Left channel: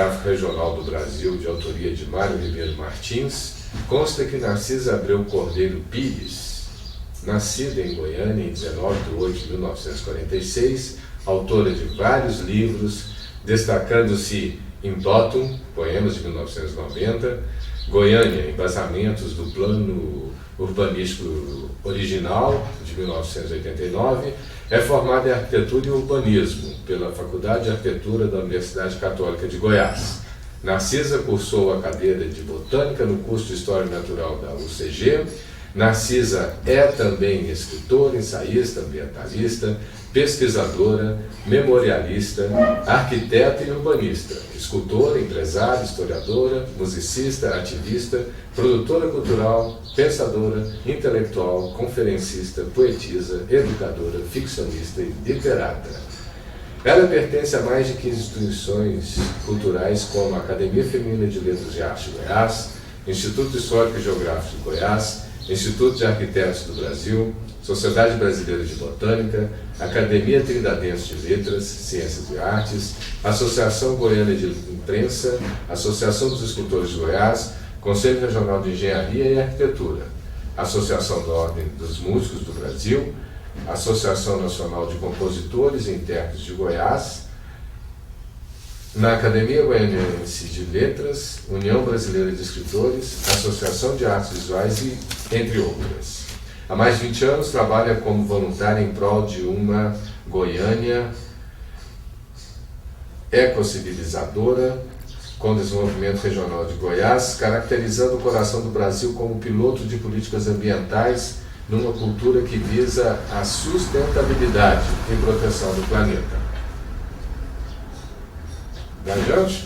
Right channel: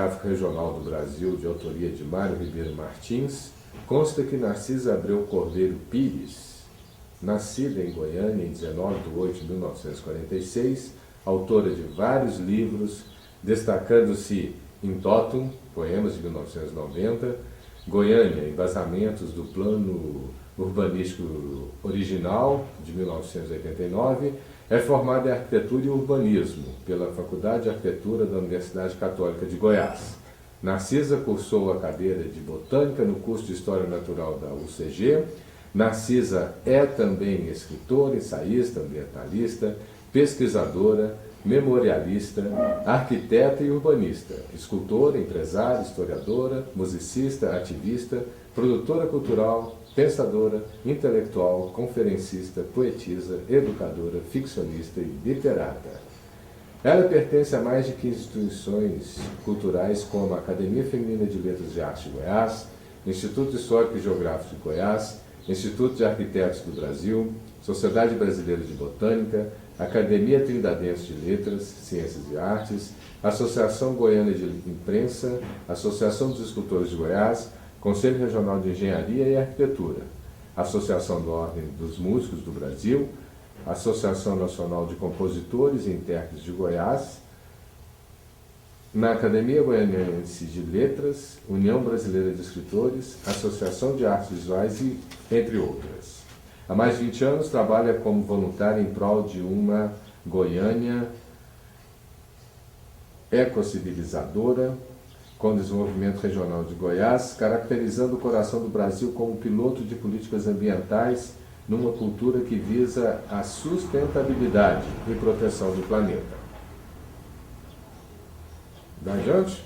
Geográfico Regional do Brasil, de autoria de Mário Ribeiro Martins, consta que Narcisa Abreu Cordeiro Pires, nascida em Goiânia em 19 de 8 de 1946, autora de vários livros, destacando-se Em Bottom, poemas de 1990, Goiânia, embasamentos do Plano Urbanístico Original, de 1989, é formada em Arquitetura e Urbanismo pela Faculdade de Arquitetura da Universidade Católica de Goiás. Narcisa cursou a cadeira de Botânica no curso de História Natural da UCG. Narcisa é também escritora, ensaísta, ambientalista, pesquisadora, memorialista, arquiteta e urbanista, escultora, empresária, historiadora, musicista, ativista, produtora cultural, pensadora, intelectual, conferencista, poetisa, educadora, ficcionista e literata. Ela pertence a mais de 15 instituições culturais como a Academia Feminina de Letras e Arte de Goiás, Instituto Histórico e Geográfico de Goiás, Instituto de Arquitetos do Brasil, Sociedade Brasileira de Botânica, Academia Trinadense de Letras, Ciências e Artes, Associação Goiana de Imprensa, Associação dos Escultores de Goiás, Conselho Regional de Engenharia e Arquitetura, Associação da Ordem dos Músicos do Brasil, Associação Nacional de Compositores e Intérpretes de Goiás, na Academia Goianiense de Letras, União Brasileira de Escritores, Associação de Artes Visuais e entre outras. Há mais de 20 anos trabalha como voluntária em prol de uma Goiânia ecocivilizadora com desenvolvimento regional de Goiás, caracterizando o coração do Brasil como piloto de políticas ambientais numa cultura que visa a sustentabilidade e proteção do planeta. Dá adiante?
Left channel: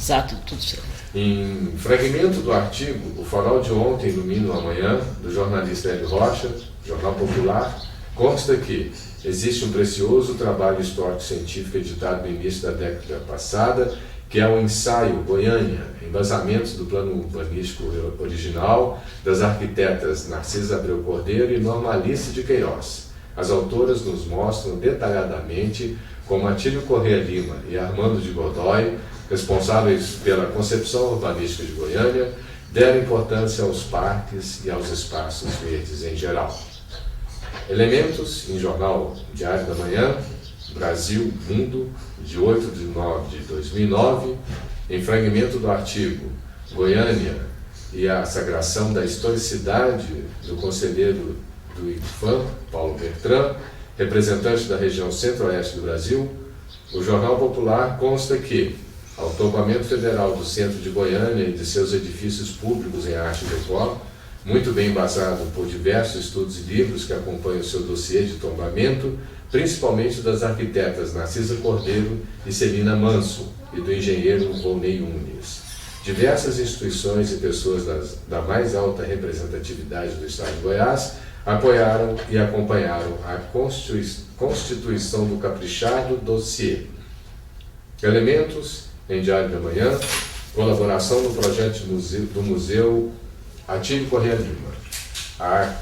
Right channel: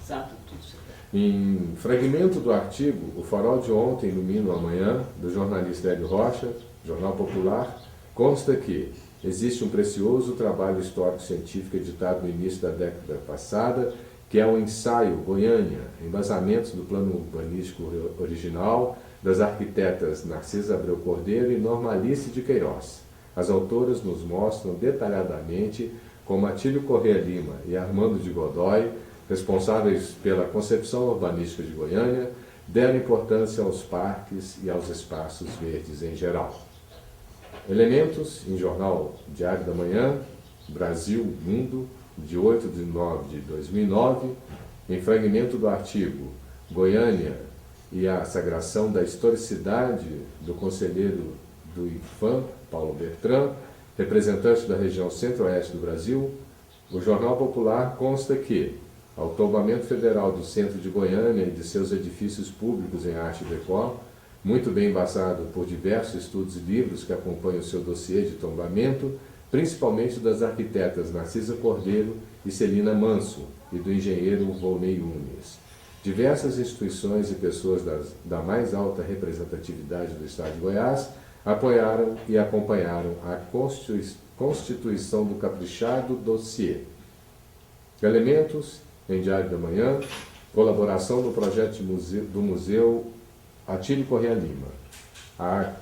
Exato, tudo certo. Em fragmento do artigo O Farol de Ontem Ilumina o Amanhã, do jornalista Hélio Rocha, Jornal Popular, consta que existe um precioso trabalho histórico-científico editado no início da década passada, que é um ensaio Goiânia, embasamentos do Plano Urbanístico Original, das arquitetas Narcisa Abreu Cordeiro e Norma Alice de Queiroz. As autoras nos mostram detalhadamente como Atílio Corrêa Lima e Armando de Godoy, responsáveis pela concepção urbanística de Goiânia, deram importância aos parques e aos espaços verdes em geral. Elementos em Jornal Diário da Manhã, Brasil, Mundo, de 8 de 9 de 2009, em fragmento do artigo Goiânia e a sagração da historicidade do conselheiro do IPHAN, Paulo Bertrand, representante da região centro-oeste do Brasil, o Jornal Popular consta que, ao tombamento federal do centro de Goiânia e de seus edifícios públicos em arte decor, muito bem embasado por diversos estudos e livros que acompanham o seu dossiê de tombamento, principalmente das arquitetas Narcisa Cordeiro e Celina Manso, e do engenheiro Volney Unes. Diversas instituições e pessoas da mais alta representatividade do Estado de Goiás apoiaram e acompanharam a constituição do caprichado dossiê. Elementos em Diário da Manhã, colaboração no projeto do Museu Atílio Corrêa Lima, a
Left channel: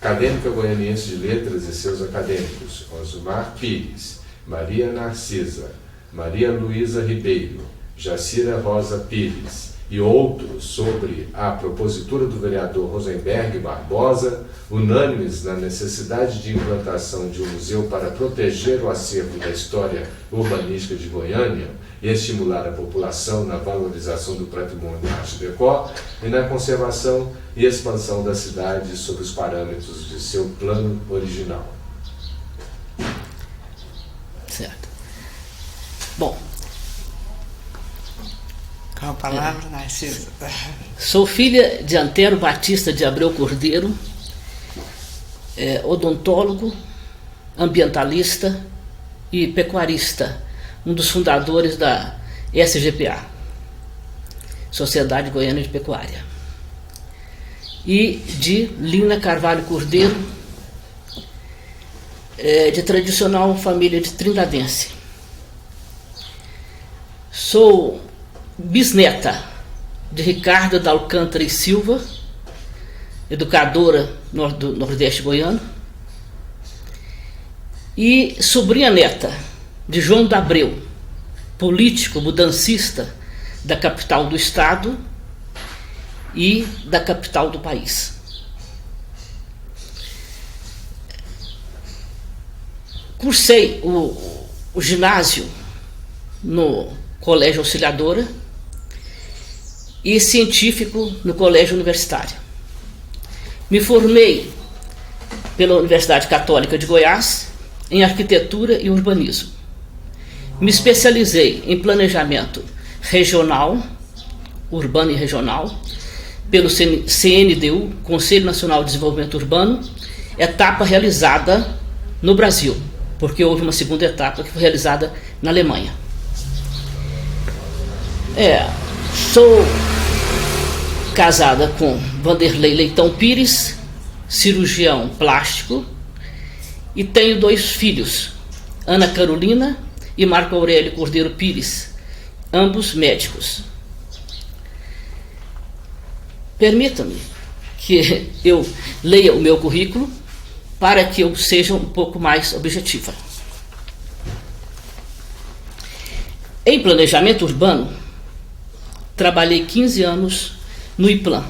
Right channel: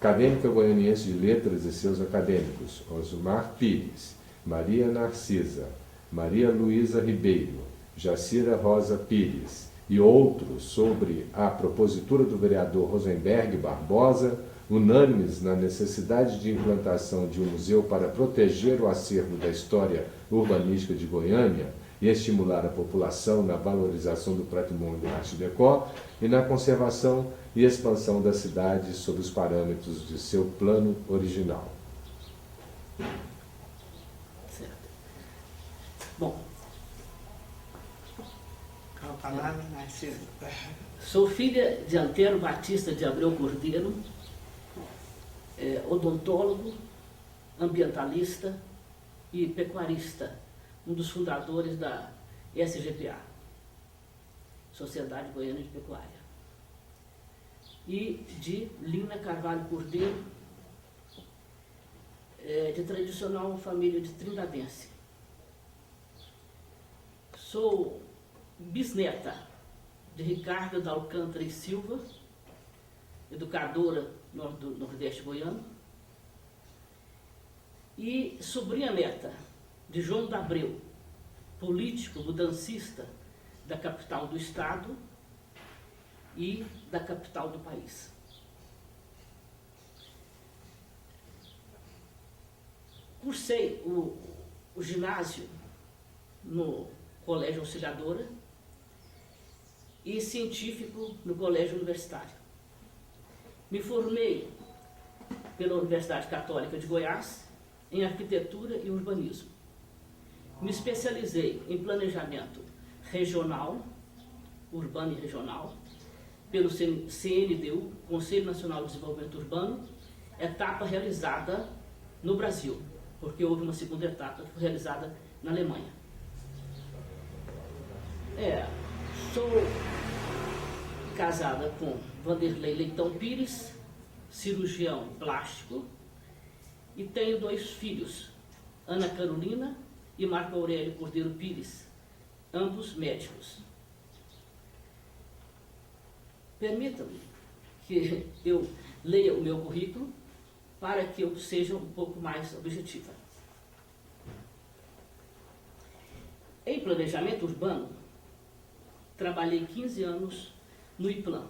acadêmica goianiense de letras e seus acadêmicos, Osmar Pires, Maria Narcisa, Maria Luísa Ribeiro, Jacira Rosa Pires e outros sobre a propositura do vereador Rosenberg Barbosa, unânimes na necessidade de implantação de um museu para proteger o acervo da história urbanística de Goiânia e estimular a população na valorização do patrimônio arte decor e na conservação e expansão da cidade sob os parâmetros de seu plano original. Certo. Bom. Com a palavra, Narcisa. Sou filha de Antero Batista de Abreu Cordeiro, odontólogo, ambientalista e pecuarista, um dos fundadores da SGPA, Sociedade Goiana de Pecuária, e de Lina Carvalho Cordeiro, de tradicional família de Trinadense. Sou bisneta de Ricardo da Alcântara e Silva, educadora do Nordeste Goiano, e sobrinha neta de João da Abreu, político mudancista da capital do estado e da capital do país. Cursei o ginásio no Colégio Auxiliadora e científico no Colégio Universitário. Me formei pela Universidade Católica de Goiás em arquitetura e urbanismo. Me especializei em planejamento regional, urbano e regional, pelo CNDU, Conselho Nacional de Desenvolvimento Urbano, etapa realizada no Brasil, porque houve uma segunda etapa que foi realizada na Alemanha. Sou casada com Vanderlei Leitão Pires, cirurgião plástico, e tenho 2 filhos, Ana Carolina e Marco Aurélio Cordeiro Pires, ambos médicos. Permita-me que eu leia o meu currículo para que eu seja um pouco mais objetiva. Em planejamento urbano, trabalhei 15 anos no IPLAN,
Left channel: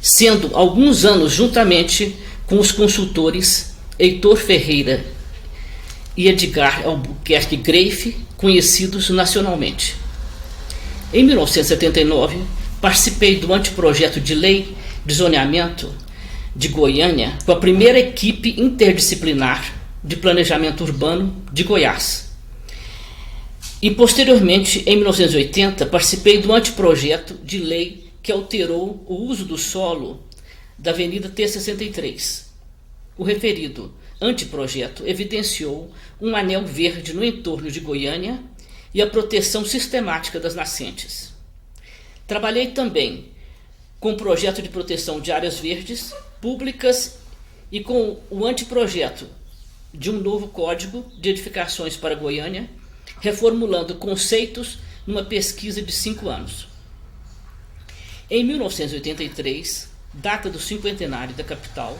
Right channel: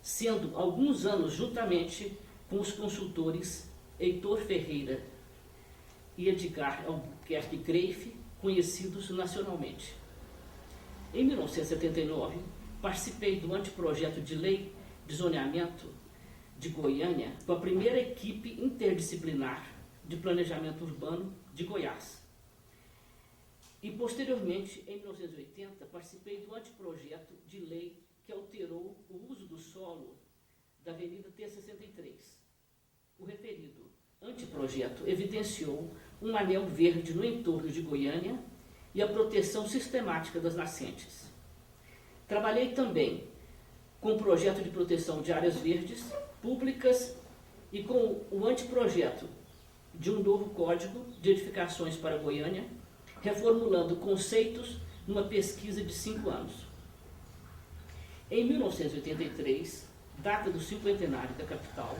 sendo alguns anos juntamente com os consultores Heitor Ferreira e Edgar Albuquerque Greife, conhecidos nacionalmente. Em 1979, participei do anteprojeto de lei de zoneamento de Goiânia com a primeira equipe interdisciplinar de planejamento urbano de Goiás. E, posteriormente, em 1980, participei do anteprojeto de lei que alterou o uso do solo da Avenida T63. O referido anteprojeto evidenciou um anel verde no entorno de Goiânia e a proteção sistemática das nascentes. Trabalhei também com o projeto de proteção de áreas verdes públicas e com o anteprojeto de um novo código de edificações para Goiânia, reformulando conceitos numa pesquisa de 5 anos. Em 1983, data do cinquentenário da capital,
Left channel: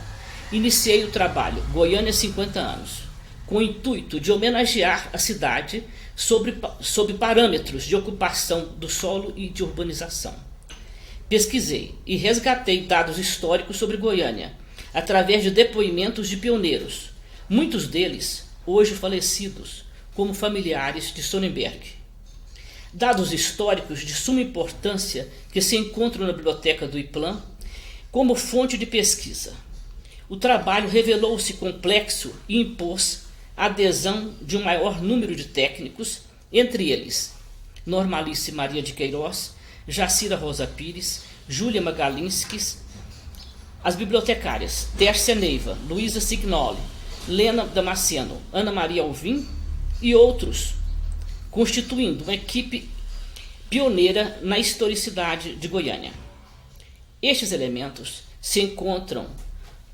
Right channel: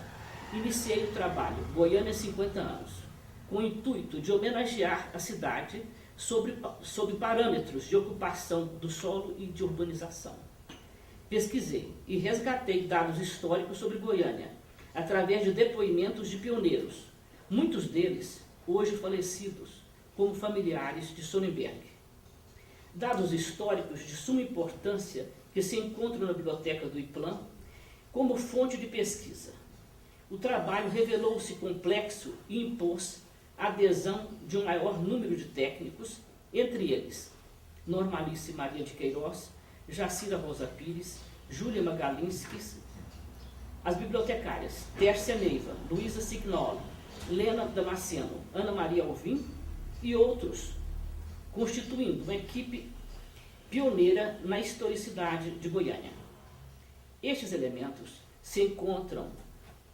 iniciei o trabalho Goiânia 50 anos, com o intuito de homenagear a cidade sob parâmetros de ocupação do solo e de urbanização. Pesquisei e resgatei dados históricos sobre Goiânia, através de depoimentos de pioneiros, muitos deles hoje falecidos, como familiares de Sonnenberg. Dados históricos de suma importância que se encontram na biblioteca do IPLAN como fonte de pesquisa. O trabalho revelou-se complexo e impôs a adesão de um maior número de técnicos, entre eles Normalice Maria de Queiroz, Jacira Rosa Pires, Júlia Magalinskis, as bibliotecárias Tércia Neiva, Luísa Signoli, Lena Damasceno, Ana Maria Alvim e outros, constituindo uma equipe pioneira na historicidade de Goiânia. Estes elementos se encontram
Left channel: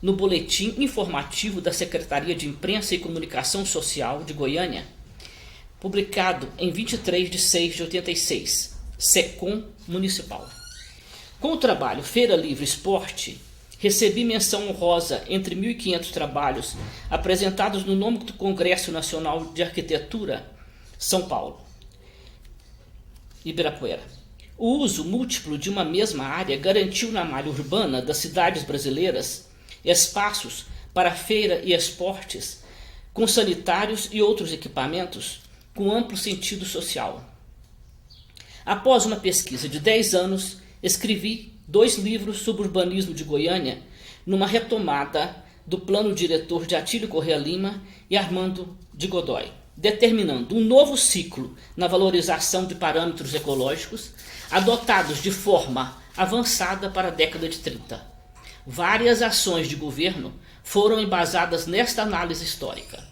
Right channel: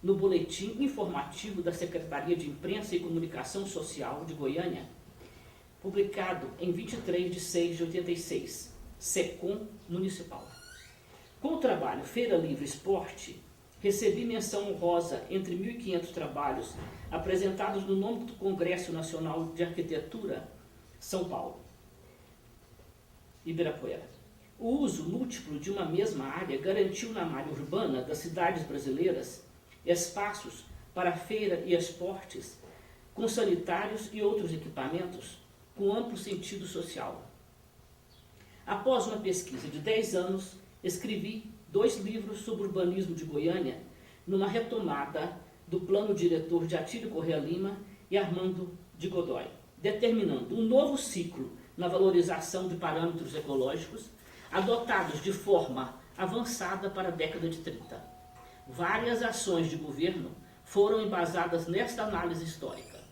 no boletim informativo da Secretaria de Imprensa e Comunicação Social de Goiânia, publicado em 23 de 6 de 86, SECOM Municipal. Com o trabalho Feira Livre Esporte, recebi menção honrosa entre 1.500 trabalhos apresentados no nome do Congresso Nacional de Arquitetura, São Paulo, Ibirapuera. O uso múltiplo de uma mesma área garantiu na malha urbana das cidades brasileiras espaços para feira e esportes, com sanitários e outros equipamentos com amplo sentido social. Após uma pesquisa de 10 anos, escrevi 2 livros sobre urbanismo de Goiânia, numa retomada do plano diretor de Atílio Corrêa Lima e Armando de Godoy, determinando um novo ciclo na valorização de parâmetros ecológicos adotados de forma avançada para a década de 30. Várias ações de governo foram embasadas nesta análise histórica.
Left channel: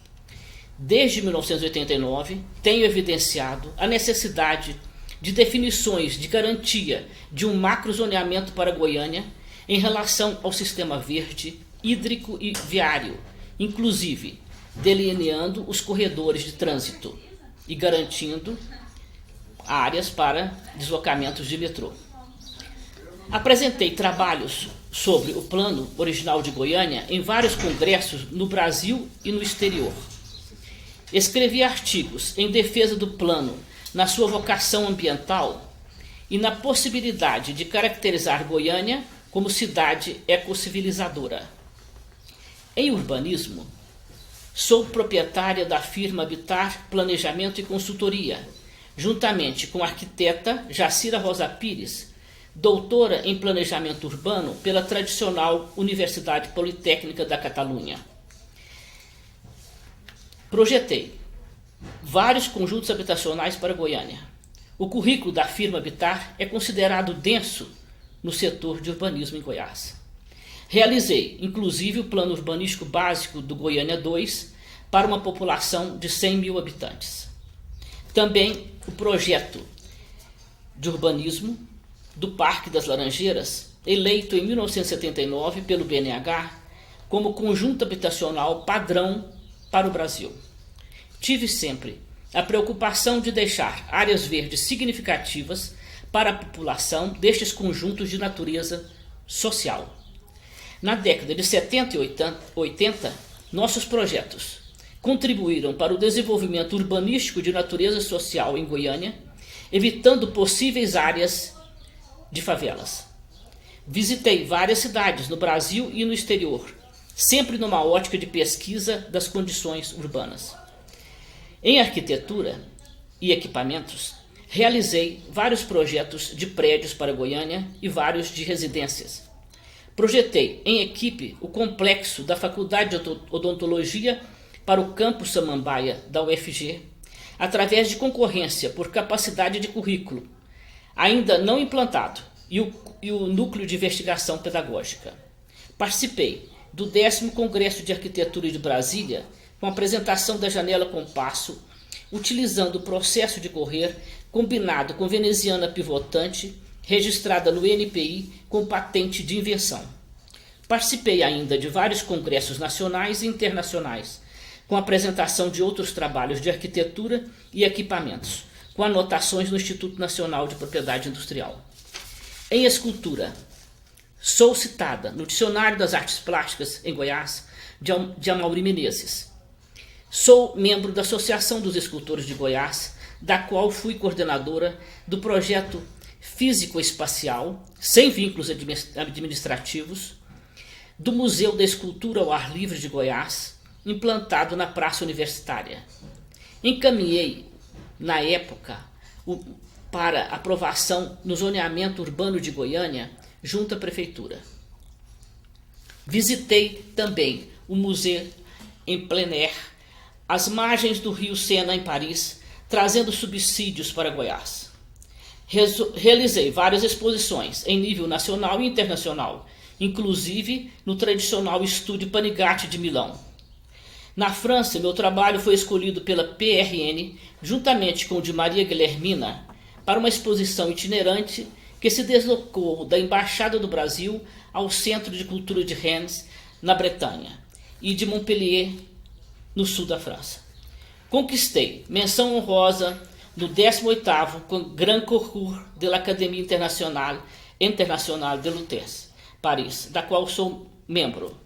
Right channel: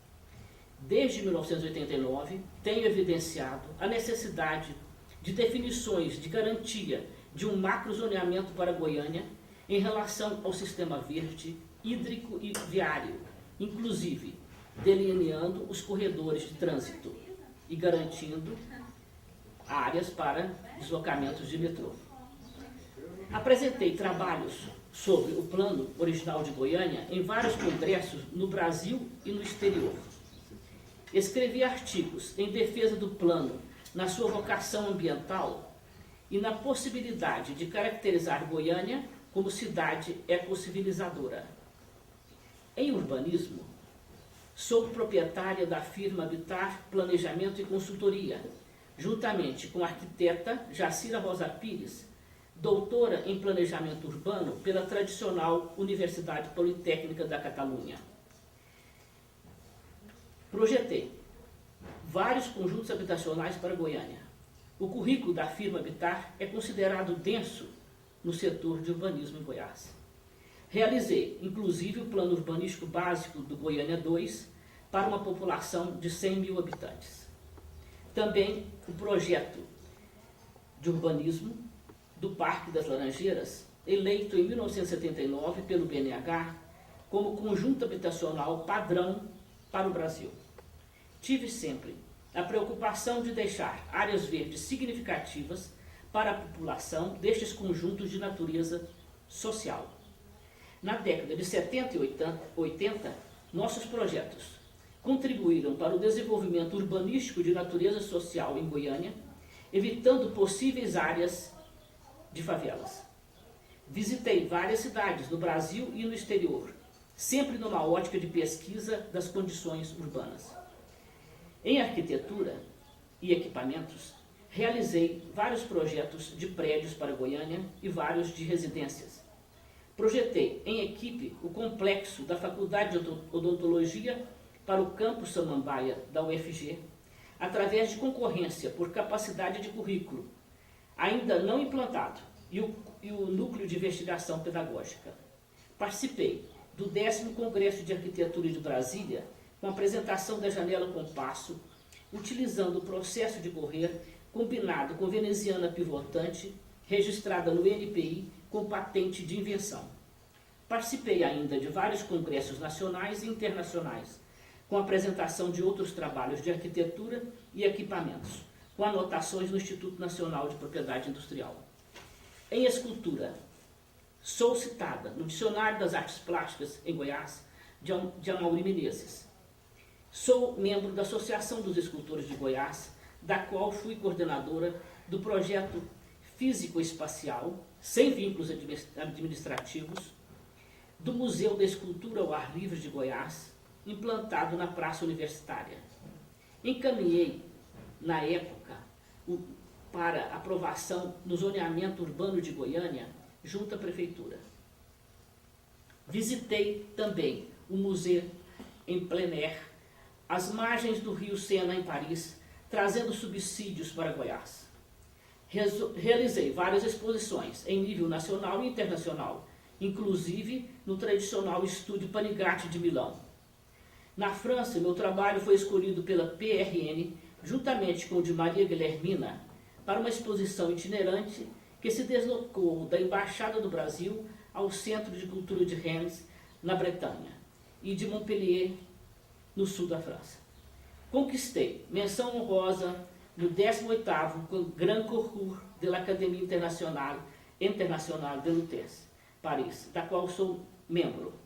Desde 1989, tenho evidenciado a necessidade de definições de garantia de um macrozoneamento para Goiânia em relação ao sistema verde, hídrico e viário, inclusive delineando os corredores de trânsito e garantindo áreas para deslocamentos de metrô. Apresentei trabalhos sobre o plano original de Goiânia em vários congressos no Brasil e no exterior. Escrevi artigos em defesa do plano na sua vocação ambiental, e na possibilidade de caracterizar Goiânia como cidade ecossivilizadora. Em urbanismo, sou proprietária da firma Habitar Planejamento e Consultoria, juntamente com a arquiteta Jacira Rosa Pires, doutora em Planejamento Urbano pela tradicional Universidade Politécnica da Catalunha. Projetei vários conjuntos habitacionais para Goiânia. O currículo da firma Habitar é considerado denso no setor de urbanismo em Goiás. Realizei, inclusive, o plano urbanístico básico do Goiânia 2 para uma população de 100 mil habitantes. Também o projeto de urbanismo do Parque das Laranjeiras, eleito em 1979 pelo BNH como conjunto habitacional padrão para o Brasil. Tive sempre a preocupação de deixar áreas verdes significativas para a população destes conjuntos de natureza social. Na década de 70 e 80, nossos projetos contribuíram para o desenvolvimento urbanístico de natureza social em Goiânia, evitando possíveis áreas de favelas. Visitei várias cidades no Brasil e no exterior, sempre numa ótica de pesquisa das condições urbanas. Em arquitetura e equipamentos, realizei vários projetos de prédios para Goiânia e vários de residências. Projetei em equipe o complexo da Faculdade de Odontologia para o campus Samambaia da UFG, através de concorrência por capacidade de currículo, ainda não implantado, e o Núcleo de Investigação Pedagógica. Participei do 10º Congresso de Arquitetura de Brasília, com a apresentação da janela compasso, utilizando o processo de correr combinado com veneziana pivotante, registrada no NPI com patente de invenção. Participei ainda de vários congressos nacionais e internacionais, com apresentação de outros trabalhos de arquitetura e equipamentos, com anotações no Instituto Nacional de Propriedade Industrial. Em escultura, sou citada no Dicionário das Artes Plásticas em Goiás, de Amaury Menezes. Sou membro da Associação dos Escultores de Goiás, da qual fui coordenadora do projeto físico-espacial, sem vínculos administrativos, do Museu da Escultura ao Ar Livre de Goiás, implantado na Praça Universitária. Encaminhei, na época, para aprovação no zoneamento urbano de Goiânia, junto à Prefeitura. Visitei também o museu em plein air, às margens do rio Sena, em Paris, trazendo subsídios para Goiás. Realizei várias exposições em nível nacional e internacional, inclusive no tradicional Estúdio Panigatti de Milão. Na França, meu trabalho foi escolhido pela PRN, juntamente com o de Maria Guilhermina, para uma exposição itinerante que se deslocou da Embaixada do Brasil ao Centro de Cultura de Rennes, na Bretanha, e de Montpellier, no sul da França. Conquistei menção honrosa no 18º Grand Concours de l'Académie Internationale de Lutèce, Paris, da qual sou membro.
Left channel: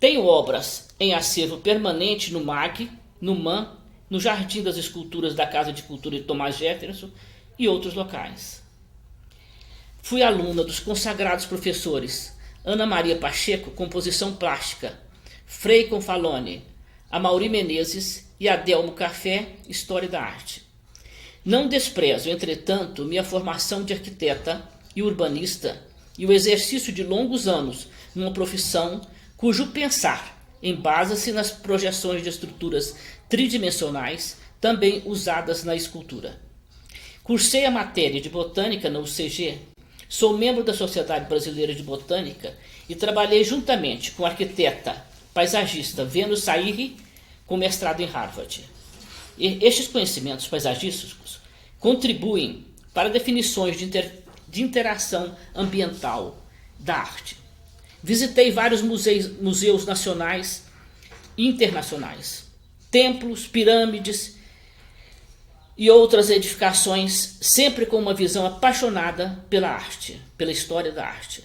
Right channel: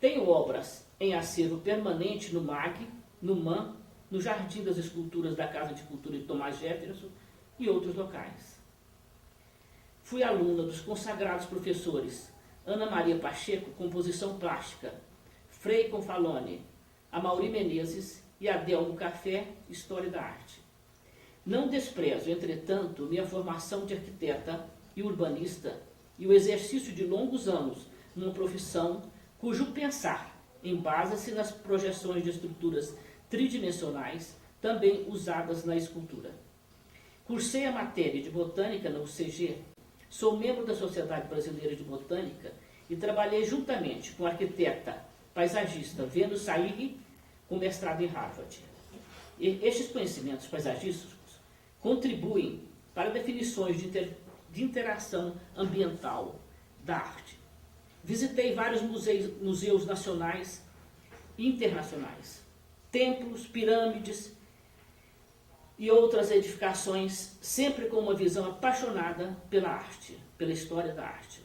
Tenho obras em acervo permanente no MAG, no MAN, no Jardim das Esculturas da Casa de Cultura de Thomas Jefferson e outros locais. Fui aluna dos consagrados professores Ana Maria Pacheco, Composição Plástica, Frei Confalone, Amaury Menezes e Adelmo Café, História da Arte. Não desprezo, entretanto, minha formação de arquiteta e urbanista e o exercício de longos anos numa profissão cujo pensar embasa-se nas projeções de estruturas tridimensionais, também usadas na escultura. Cursei a matéria de Botânica na UCG, sou membro da Sociedade Brasileira de Botânica e trabalhei juntamente com a arquiteta paisagista Venus Sairi, com mestrado em Harvard. Estes conhecimentos paisagísticos contribuem para definições de interação ambiental da arte. Visitei vários museus nacionais e internacionais, templos, pirâmides e outras edificações, sempre com uma visão apaixonada pela arte, pela história da arte.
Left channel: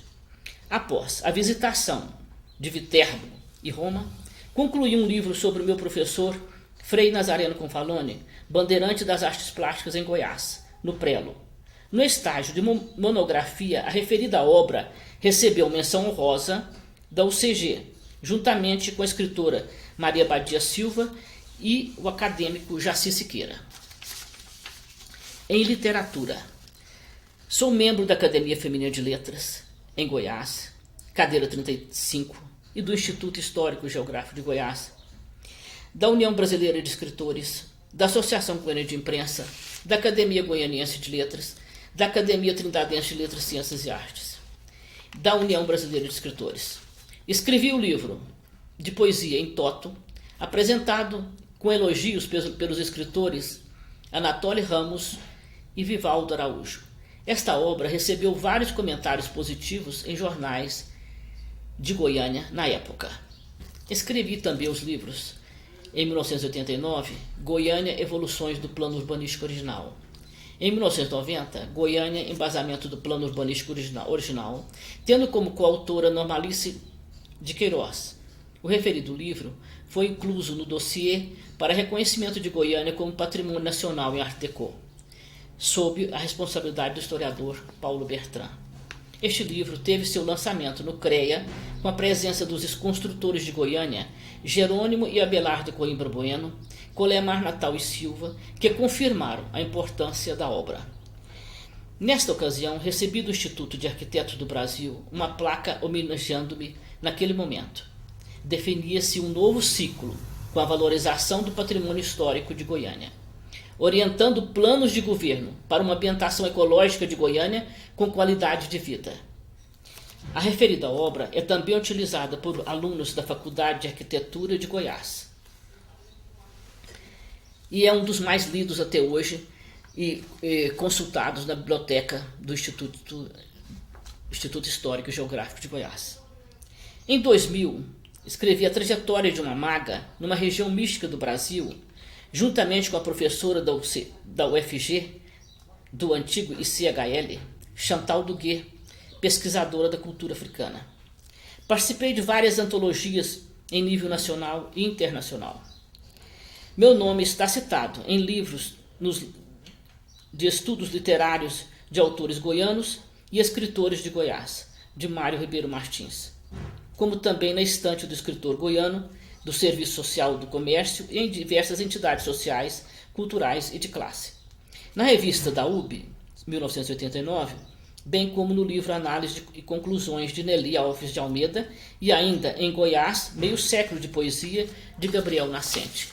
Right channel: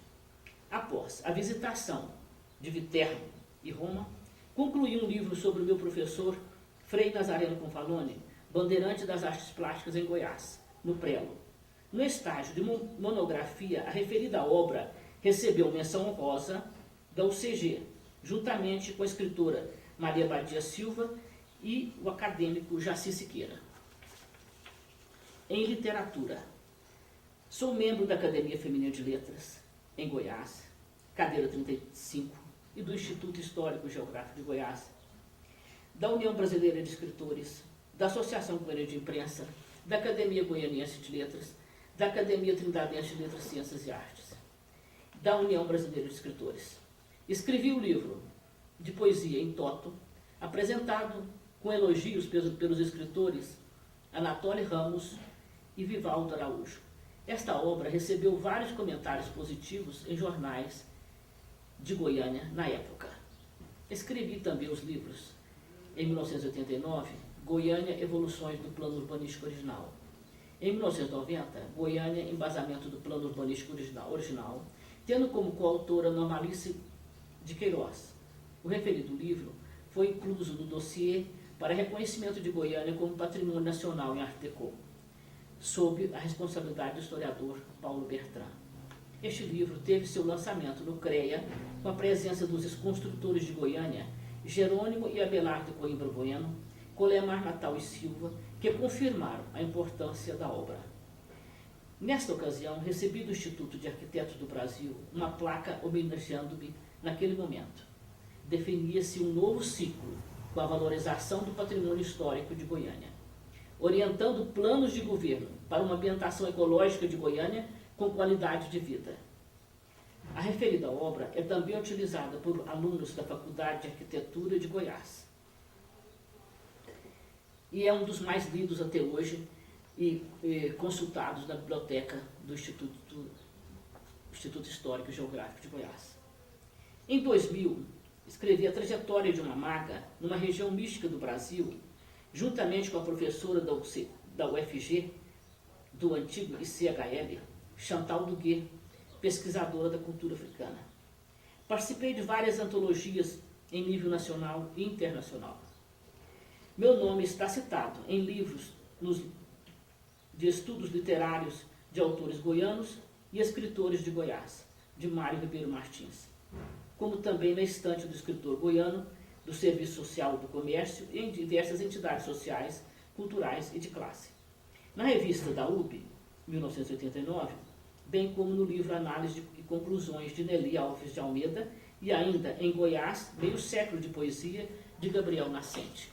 Após a visitação de Viterbo e Roma, concluí um livro sobre o meu professor Frei Nazareno Confalone, bandeirante das artes plásticas em Goiás, no Prelo, No estágio de monografia, a referida obra recebeu menção honrosa da UCG, juntamente com a escritora Maria Badia Silva e o acadêmico Jaci Siqueira. Em literatura, sou membro da Academia Feminina de Letras, em Goiás, cadeira 35, e do Instituto Histórico e Geográfico de Goiás, da União Brasileira de Escritores, da Associação Goiana de Imprensa, da Academia Goianiense de Letras, da Academia Trindadense de Letras, Ciências e Artes, da União Brasileira de Escritores. Escrevi o livro de poesia em toto, apresentado com elogios pelos escritores Anatoly Ramos e Vivaldo Araújo. Esta obra recebeu vários comentários positivos em jornais de Goiânia na época. Escrevi também os livros, em 1989, Goiânia, Evoluções do Plano Urbanístico Original. Em 1990, Goiânia, Embasamento do Plano Urbanístico Original, tendo como coautora Normalice de Queiroz. O referido livro foi incluso no dossiê para reconhecimento de Goiânia como Patrimônio Nacional em Art Deco, sob a responsabilidade do historiador Paulo Bertrand. Este livro teve seu lançamento no CREA, com a presença dos construtores de Goiânia, Jerônimo e Abelardo Coimbra Bueno, Colemar Natal e Silva, que confirmaram a importância da obra. Nesta ocasião, recebi do Instituto de Arquitetos do Brasil uma placa homenageando-me naquele momento. Definia-se um novo ciclo com a valorização do patrimônio histórico de Goiânia, orientando planos de governo para uma ambientação ecológica de Goiânia com qualidade de vida. A referida obra é também utilizada por alunos da Faculdade de Arquitetura de Goiás e é um dos mais lidos até hoje e consultados na biblioteca do Instituto Histórico e Geográfico de Goiás. Em 2000, escrevi A Trajetória de uma Maga numa região mística do Brasil, juntamente com a professora da UFG, do antigo ICHL, Chantal Duguet, pesquisadora da cultura africana. Participei de várias antologias em nível nacional e internacional. Meu nome está citado em livros de estudos literários de autores goianos e escritores de Goiás, de Mário Ribeiro Martins, como também na estante do escritor goiano, do Serviço Social do Comércio e em diversas entidades sociais, culturais e de classe. Na revista da UB, 1989, bem como no livro Análise e Conclusões de Nelly Alves de Almeida e ainda em Goiás, Meio Século de Poesia, de Gabriel Nascente.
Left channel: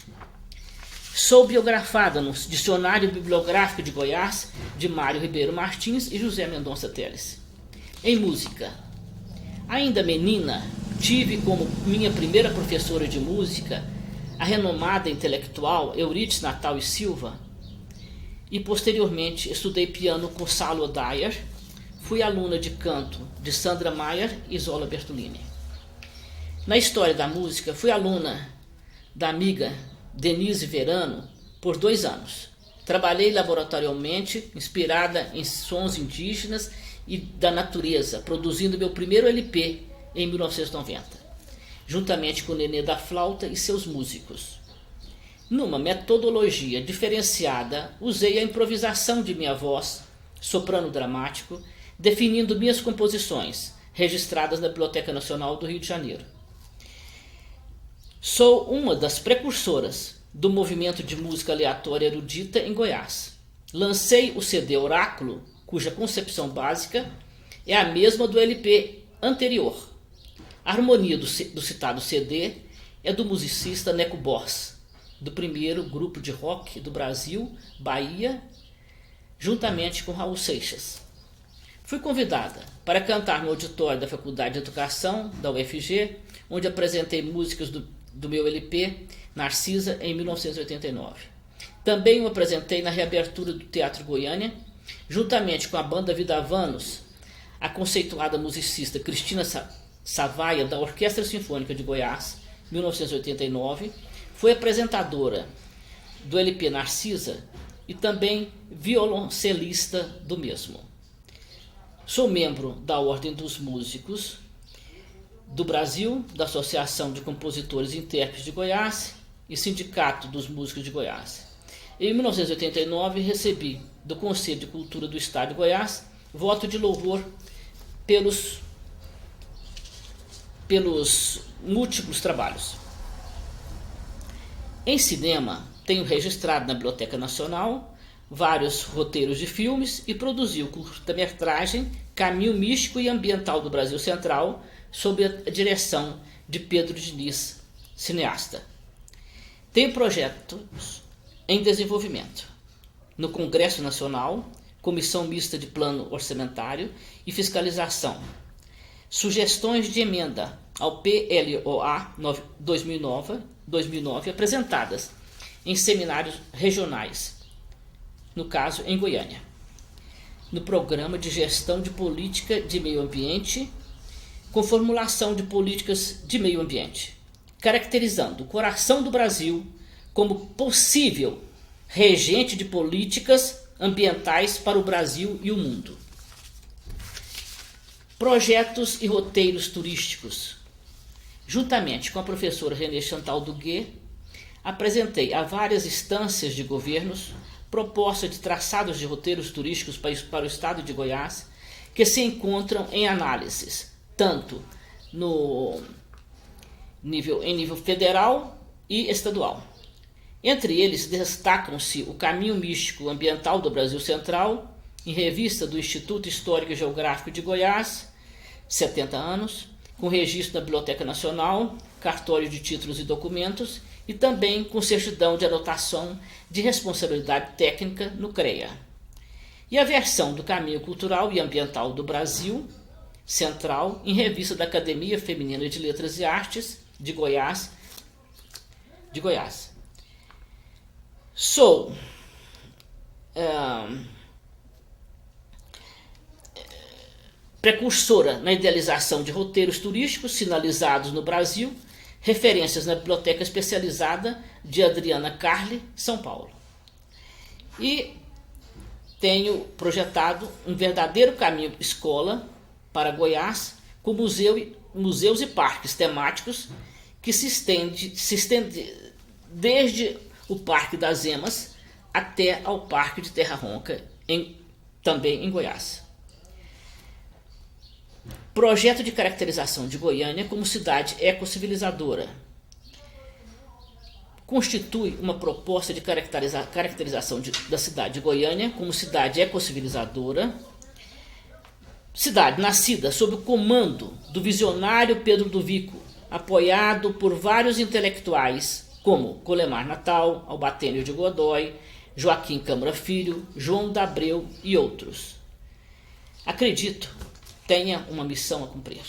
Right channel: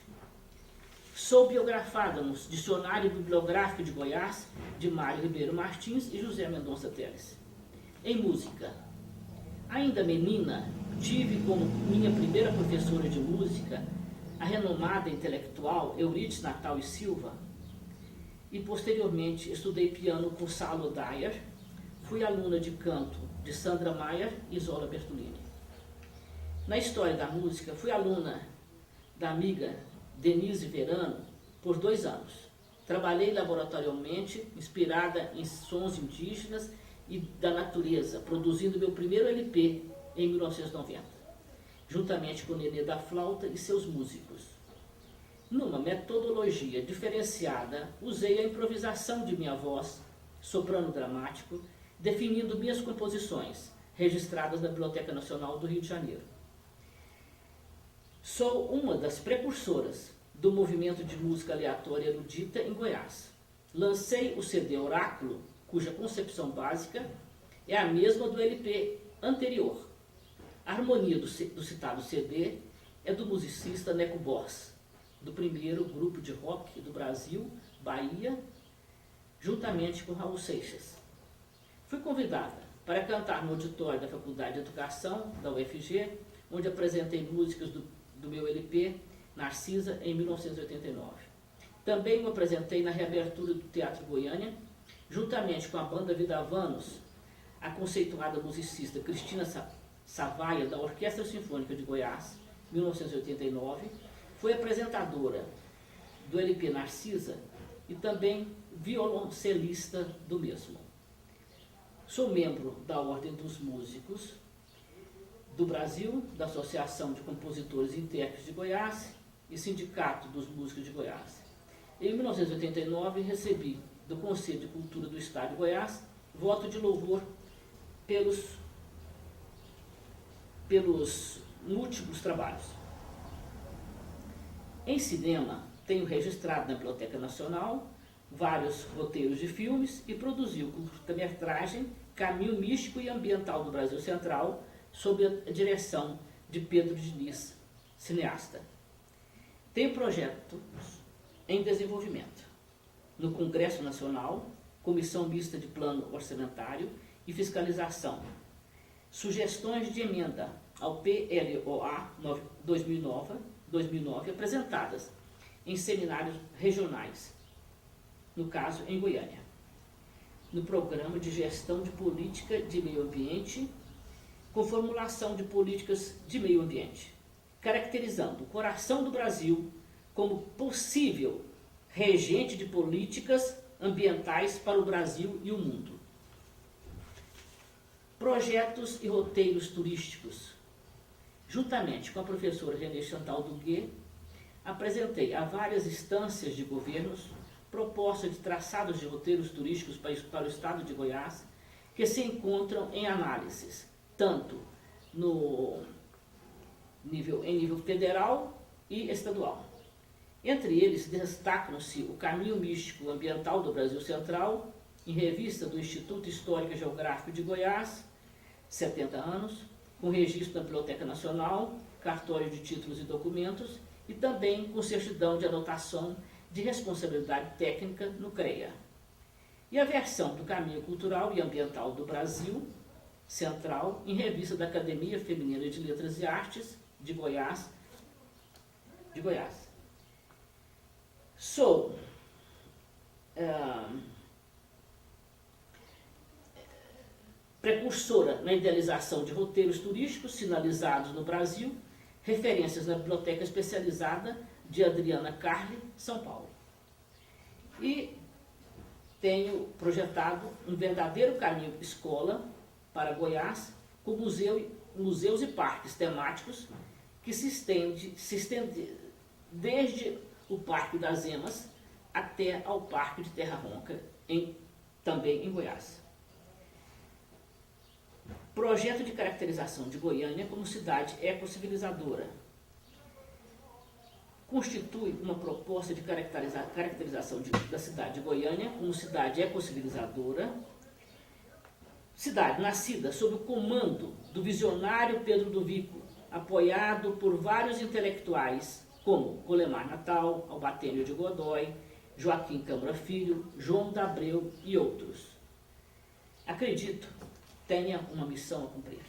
Sou biografada no Dicionário Bibliográfico de Goiás, de Mário Ribeiro Martins e José Mendonça Teles. Em música, ainda menina, tive como minha primeira professora de música a renomada intelectual Euridice Natal e Silva e posteriormente estudei piano com Salo Dyer, fui aluna de canto de Sandra Maier e Zola Bertolini. Na história da música, fui aluna da amiga Denise Verano por 2 anos. Trabalhei laboratorialmente, inspirada em sons indígenas e da natureza, produzindo meu primeiro LP em 1990, juntamente com Nenê da Flauta e seus músicos. Numa metodologia diferenciada, usei a improvisação de minha voz, soprano dramático, definindo minhas composições, registradas na Biblioteca Nacional do Rio de Janeiro. Sou uma das precursoras do movimento de música aleatória erudita em Goiás. Lancei o CD Oráculo, cuja concepção básica é a mesma do LP anterior. A harmonia do citado CD é do musicista Neco Boss, do primeiro grupo de rock do Brasil, Bahia, juntamente com Raul Seixas. Fui convidada para cantar no auditório da Faculdade de Educação da UFG, onde apresentei músicas do meu LP Narcisa em 1989. Também o apresentei na reabertura do Teatro Goiânia, juntamente com a banda Vidavanos, a conceituada musicista Cristina Savaia, da Orquestra Sinfônica de Goiás, 1989, foi apresentadora do LP Narcisa e também violoncelista do mesmo. Sou membro da Ordem dos Músicos do Brasil, da Associação de Compositores e Intérpretes de Goiás e Sindicato dos Músicos de Goiás. Em 1989, recebi do Conselho de Cultura do Estado de Goiás, voto de louvor pelos múltiplos trabalhos. Em cinema, tenho registrado na Biblioteca Nacional vários roteiros de filmes e produzi o curta-metragem Caminho Místico e Ambiental do Brasil Central, sob a direção de Pedro Diniz, cineasta. Tenho projetos em desenvolvimento no Congresso Nacional, Comissão Mista de Plano Orçamentário e Fiscalização, sugestões de emenda ao PLOA 2009 apresentadas em seminários regionais, no caso em Goiânia, no Programa de Gestão de Política de Meio Ambiente, com formulação de políticas de meio ambiente, caracterizando o coração do Brasil como possível regente de políticas ambientais para o Brasil e o mundo. Projetos e roteiros turísticos. Juntamente com a professora Renê Chantal Duguet, apresentei a várias instâncias de governos propostas de traçados de roteiros turísticos para o estado de Goiás, que se encontram em análises, tanto em nível federal e estadual. Entre eles destacam-se o Caminho Místico Ambiental do Brasil Central, em revista do Instituto Histórico e Geográfico de Goiás, 70 anos, com registro na Biblioteca Nacional, cartório de títulos e documentos, e também com certidão de anotação de responsabilidade técnica no CREA. E a versão do Caminho Cultural e Ambiental do Brasil Central, em revista da Academia Feminina de Letras e Artes de Goiás. Sou precursora na idealização de roteiros turísticos sinalizados no Brasil, referências na Biblioteca Especializada de Adriana Carli, São Paulo. E tenho projetado um verdadeiro caminho escola para Goiás, com museus e parques temáticos que se estende desde o Parque das Emas até ao Parque de Terra Ronca, também em Goiás. Projeto de caracterização de Goiânia como cidade ecocivilizadora. Constitui uma proposta de caracterização da cidade de Goiânia como cidade ecocivilizadora, cidade nascida sob o comando do visionário Pedro do Vico, apoiado por vários intelectuais como Colemar Natal, Albatênio de Godoy, Joaquim Câmara Filho, João d'Abreu e outros. Acredito tenha uma missão a cumprir.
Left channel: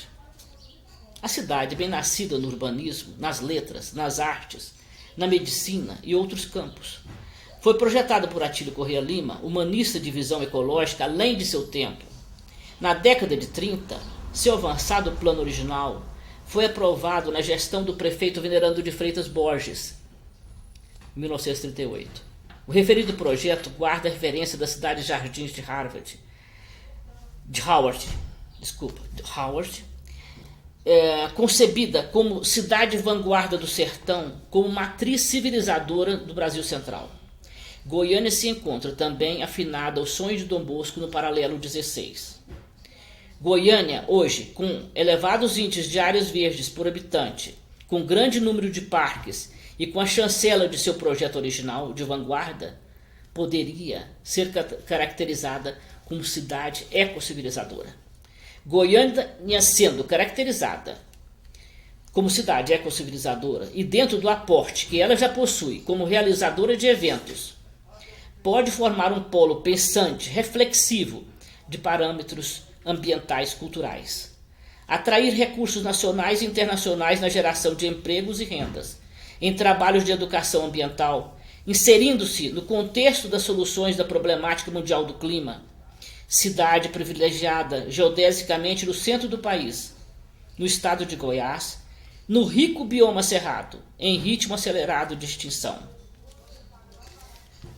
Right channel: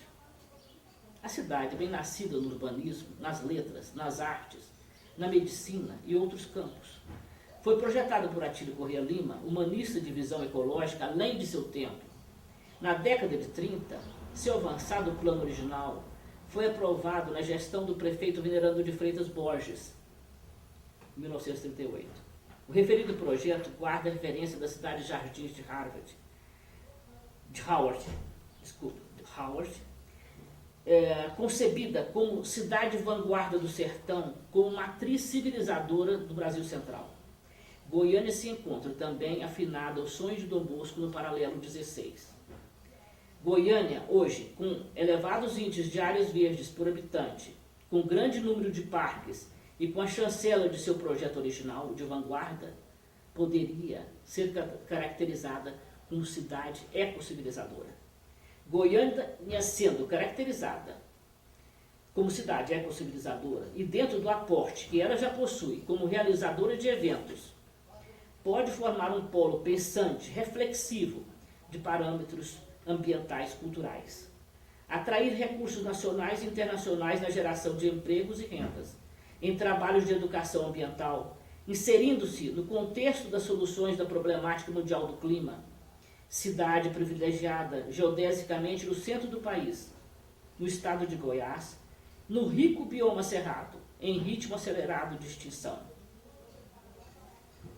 A cidade, bem nascida no urbanismo, nas letras, nas artes, na medicina e outros campos, foi projetada por Atílio Corrêa Lima, humanista de visão ecológica além de seu tempo. Na década de 30, seu avançado plano original foi aprovado na gestão do prefeito Venerando de Freitas Borges, em 1938. O referido projeto guarda a referência da cidade de Jardins de Howard, concebida como cidade vanguarda do sertão, como matriz civilizadora do Brasil Central. Goiânia se encontra também afinada ao sonho de Dom Bosco no paralelo 16. Goiânia, hoje, com elevados índices de áreas verdes por habitante, com grande número de parques e com a chancela de seu projeto original de vanguarda, poderia ser caracterizada como cidade ecocivilizadora. Goiânia sendo caracterizada como cidade ecocivilizadora e dentro do aporte que ela já possui como realizadora de eventos, pode formar um polo pensante, reflexivo de parâmetros ambientais culturais, atrair recursos nacionais e internacionais na geração de empregos e rendas, em trabalhos de educação ambiental, inserindo-se no contexto das soluções da problemática mundial do clima, cidade privilegiada geodesicamente no centro do país, no estado de Goiás, no rico bioma cerrado, em ritmo acelerado de extinção.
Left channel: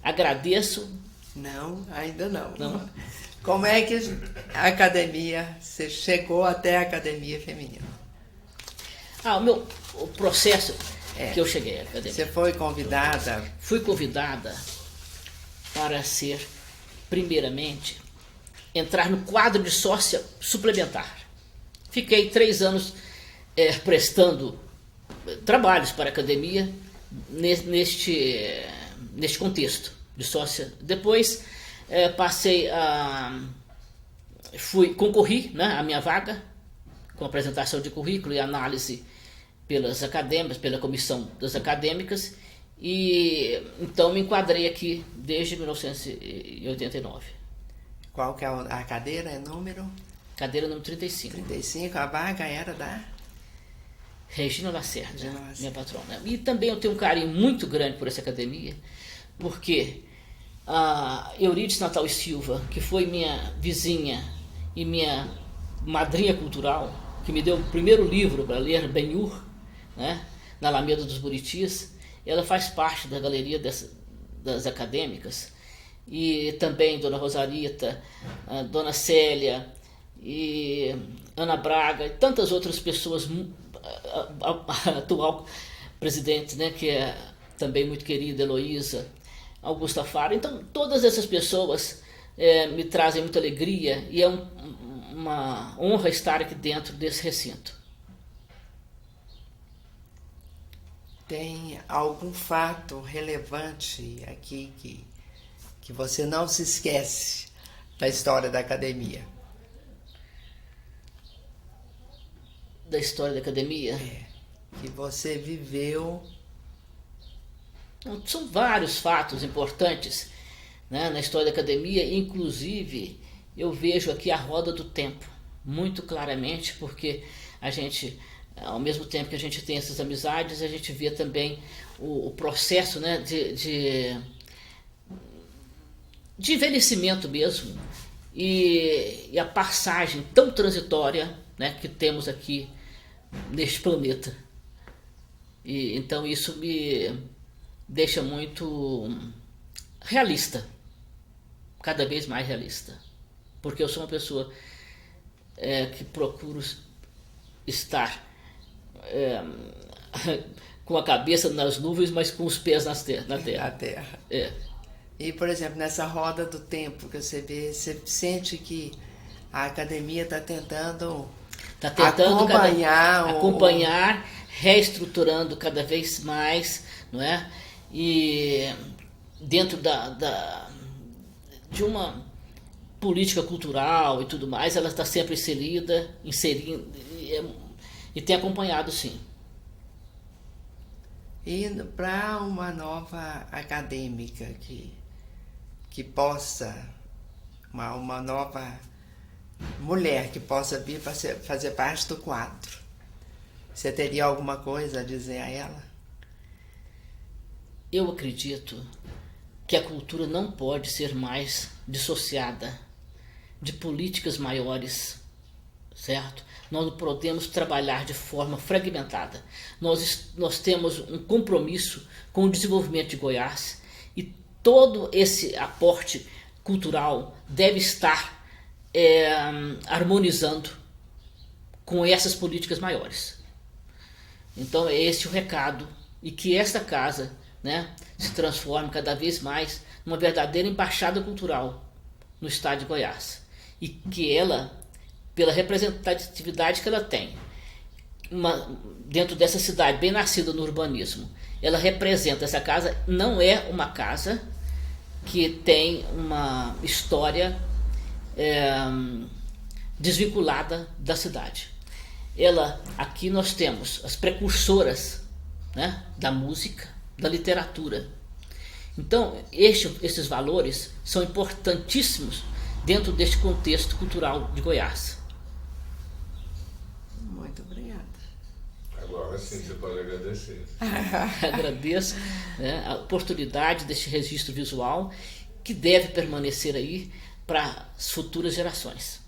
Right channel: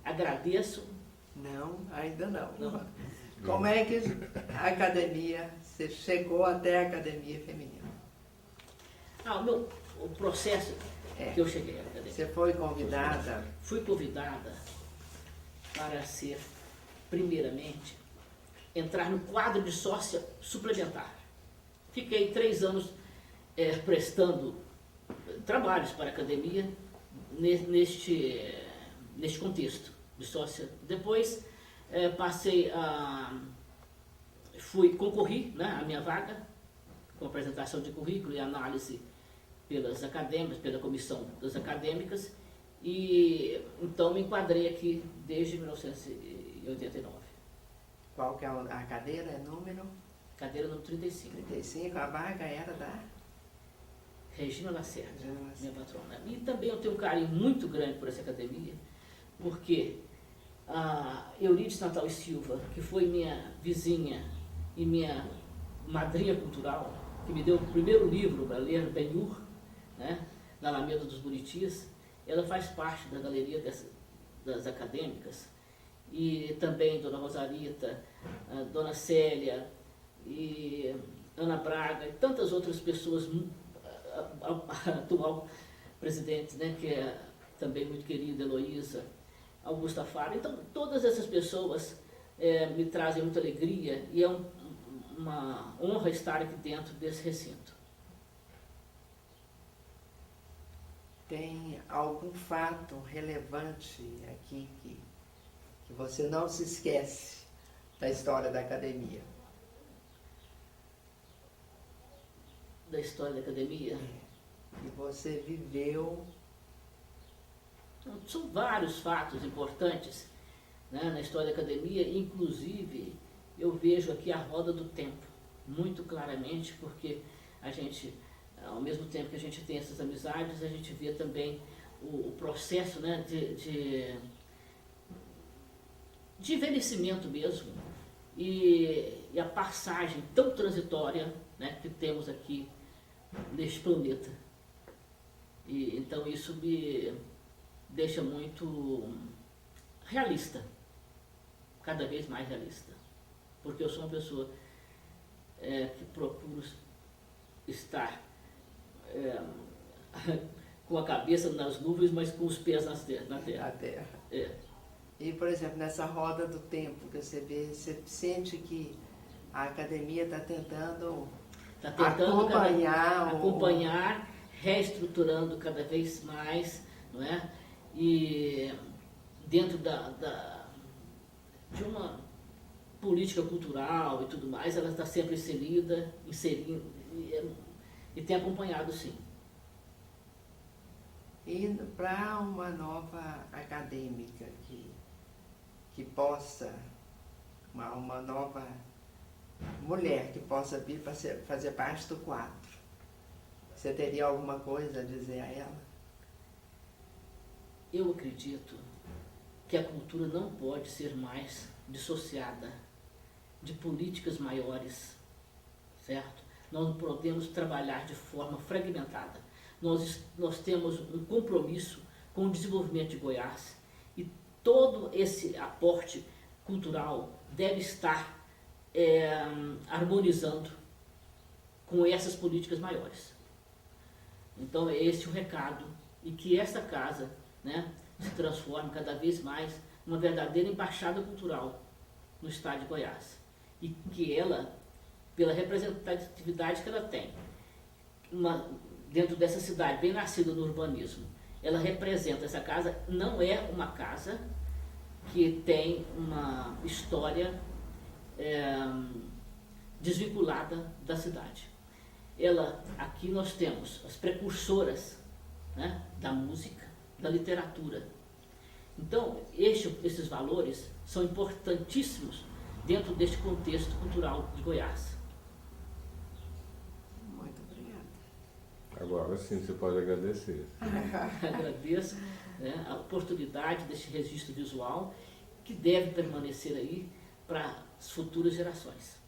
Agradeço. Não, ainda não. Não. Como é que a academia, você chegou até a academia feminina? O processo que eu cheguei à academia. Você foi convidada? Fui convidada para ser primeiramente, entrar no quadro de sócia suplementar. Fiquei 3 anos prestando trabalhos para a academia neste contexto de sócia. Depois concorri, né, a minha vaga, com apresentação de currículo e análise pelas acadêmicas, pela comissão das acadêmicas, e então me enquadrei aqui desde 1989. Qual que é a cadeira? É número? Cadeira número 35. 35, a vaga era da Regina Lacerda, Regina Lacerda, minha patrona. E também eu tenho um carinho muito grande por essa academia, porque a Eurídice Natal e Silva, que foi minha vizinha e minha madrinha cultural, que me deu o primeiro livro para ler, Ben-Hur, né, na Alameda dos Buritis, ela faz parte da galeria das acadêmicas, e também Dona Rosarita, Dona Célia, e Ana Braga, e tantas outras pessoas, a atual presidente, né, que é também muito querida, Heloísa, Augusta Faro. Então, todas essas pessoas me trazem muita alegria, e é uma honra estar aqui dentro desse recinto. Tem algum fato relevante aqui que você não se esquece da história da academia? Da história da academia? Que você viveu. São vários fatos importantes, né, na história da academia. Inclusive eu vejo aqui a roda do tempo muito claramente, porque a gente, ao mesmo tempo que a gente tem essas amizades, a gente vê também o processo, né, de envelhecimento mesmo, e a passagem tão transitória, né, que temos aqui neste planeta. E então isso me deixa muito realista, cada vez mais realista, porque eu sou uma pessoa que procuro estar com a cabeça nas nuvens, mas com os pés na terra. A terra. E, por exemplo, nessa roda do tempo que você vê, você sente que a academia está tentando acompanhar, reestruturando cada vez mais, não é? E dentro de uma política cultural e tudo mais, ela está sempre inserindo e tem acompanhado, sim. E para uma nova acadêmica que possa, uma nova mulher que possa vir para fazer parte do quadro, você teria alguma coisa a dizer a ela? Eu acredito que a cultura não pode ser mais dissociada de políticas maiores, certo? Nós não podemos trabalhar de forma fragmentada. Nós temos um compromisso com o desenvolvimento de Goiás, e todo esse aporte cultural deve estar harmonizando com essas políticas maiores. Então é esse o recado, e que esta casa, né, se transforme cada vez mais numa verdadeira embaixada cultural no estado de Goiás, e que ela, pela representatividade que ela tem dentro dessa cidade bem nascida no urbanismo, ela representa, essa casa não é uma casa que tem uma história desvinculada da cidade. Aqui nós temos as precursoras, né, da música, da literatura. Então, esses valores são importantíssimos dentro deste contexto cultural de Goiás. Muito obrigada. Agora sim você pode agradecer. Agradeço, né, a oportunidade deste registro visual, que deve permanecer aí para as futuras gerações.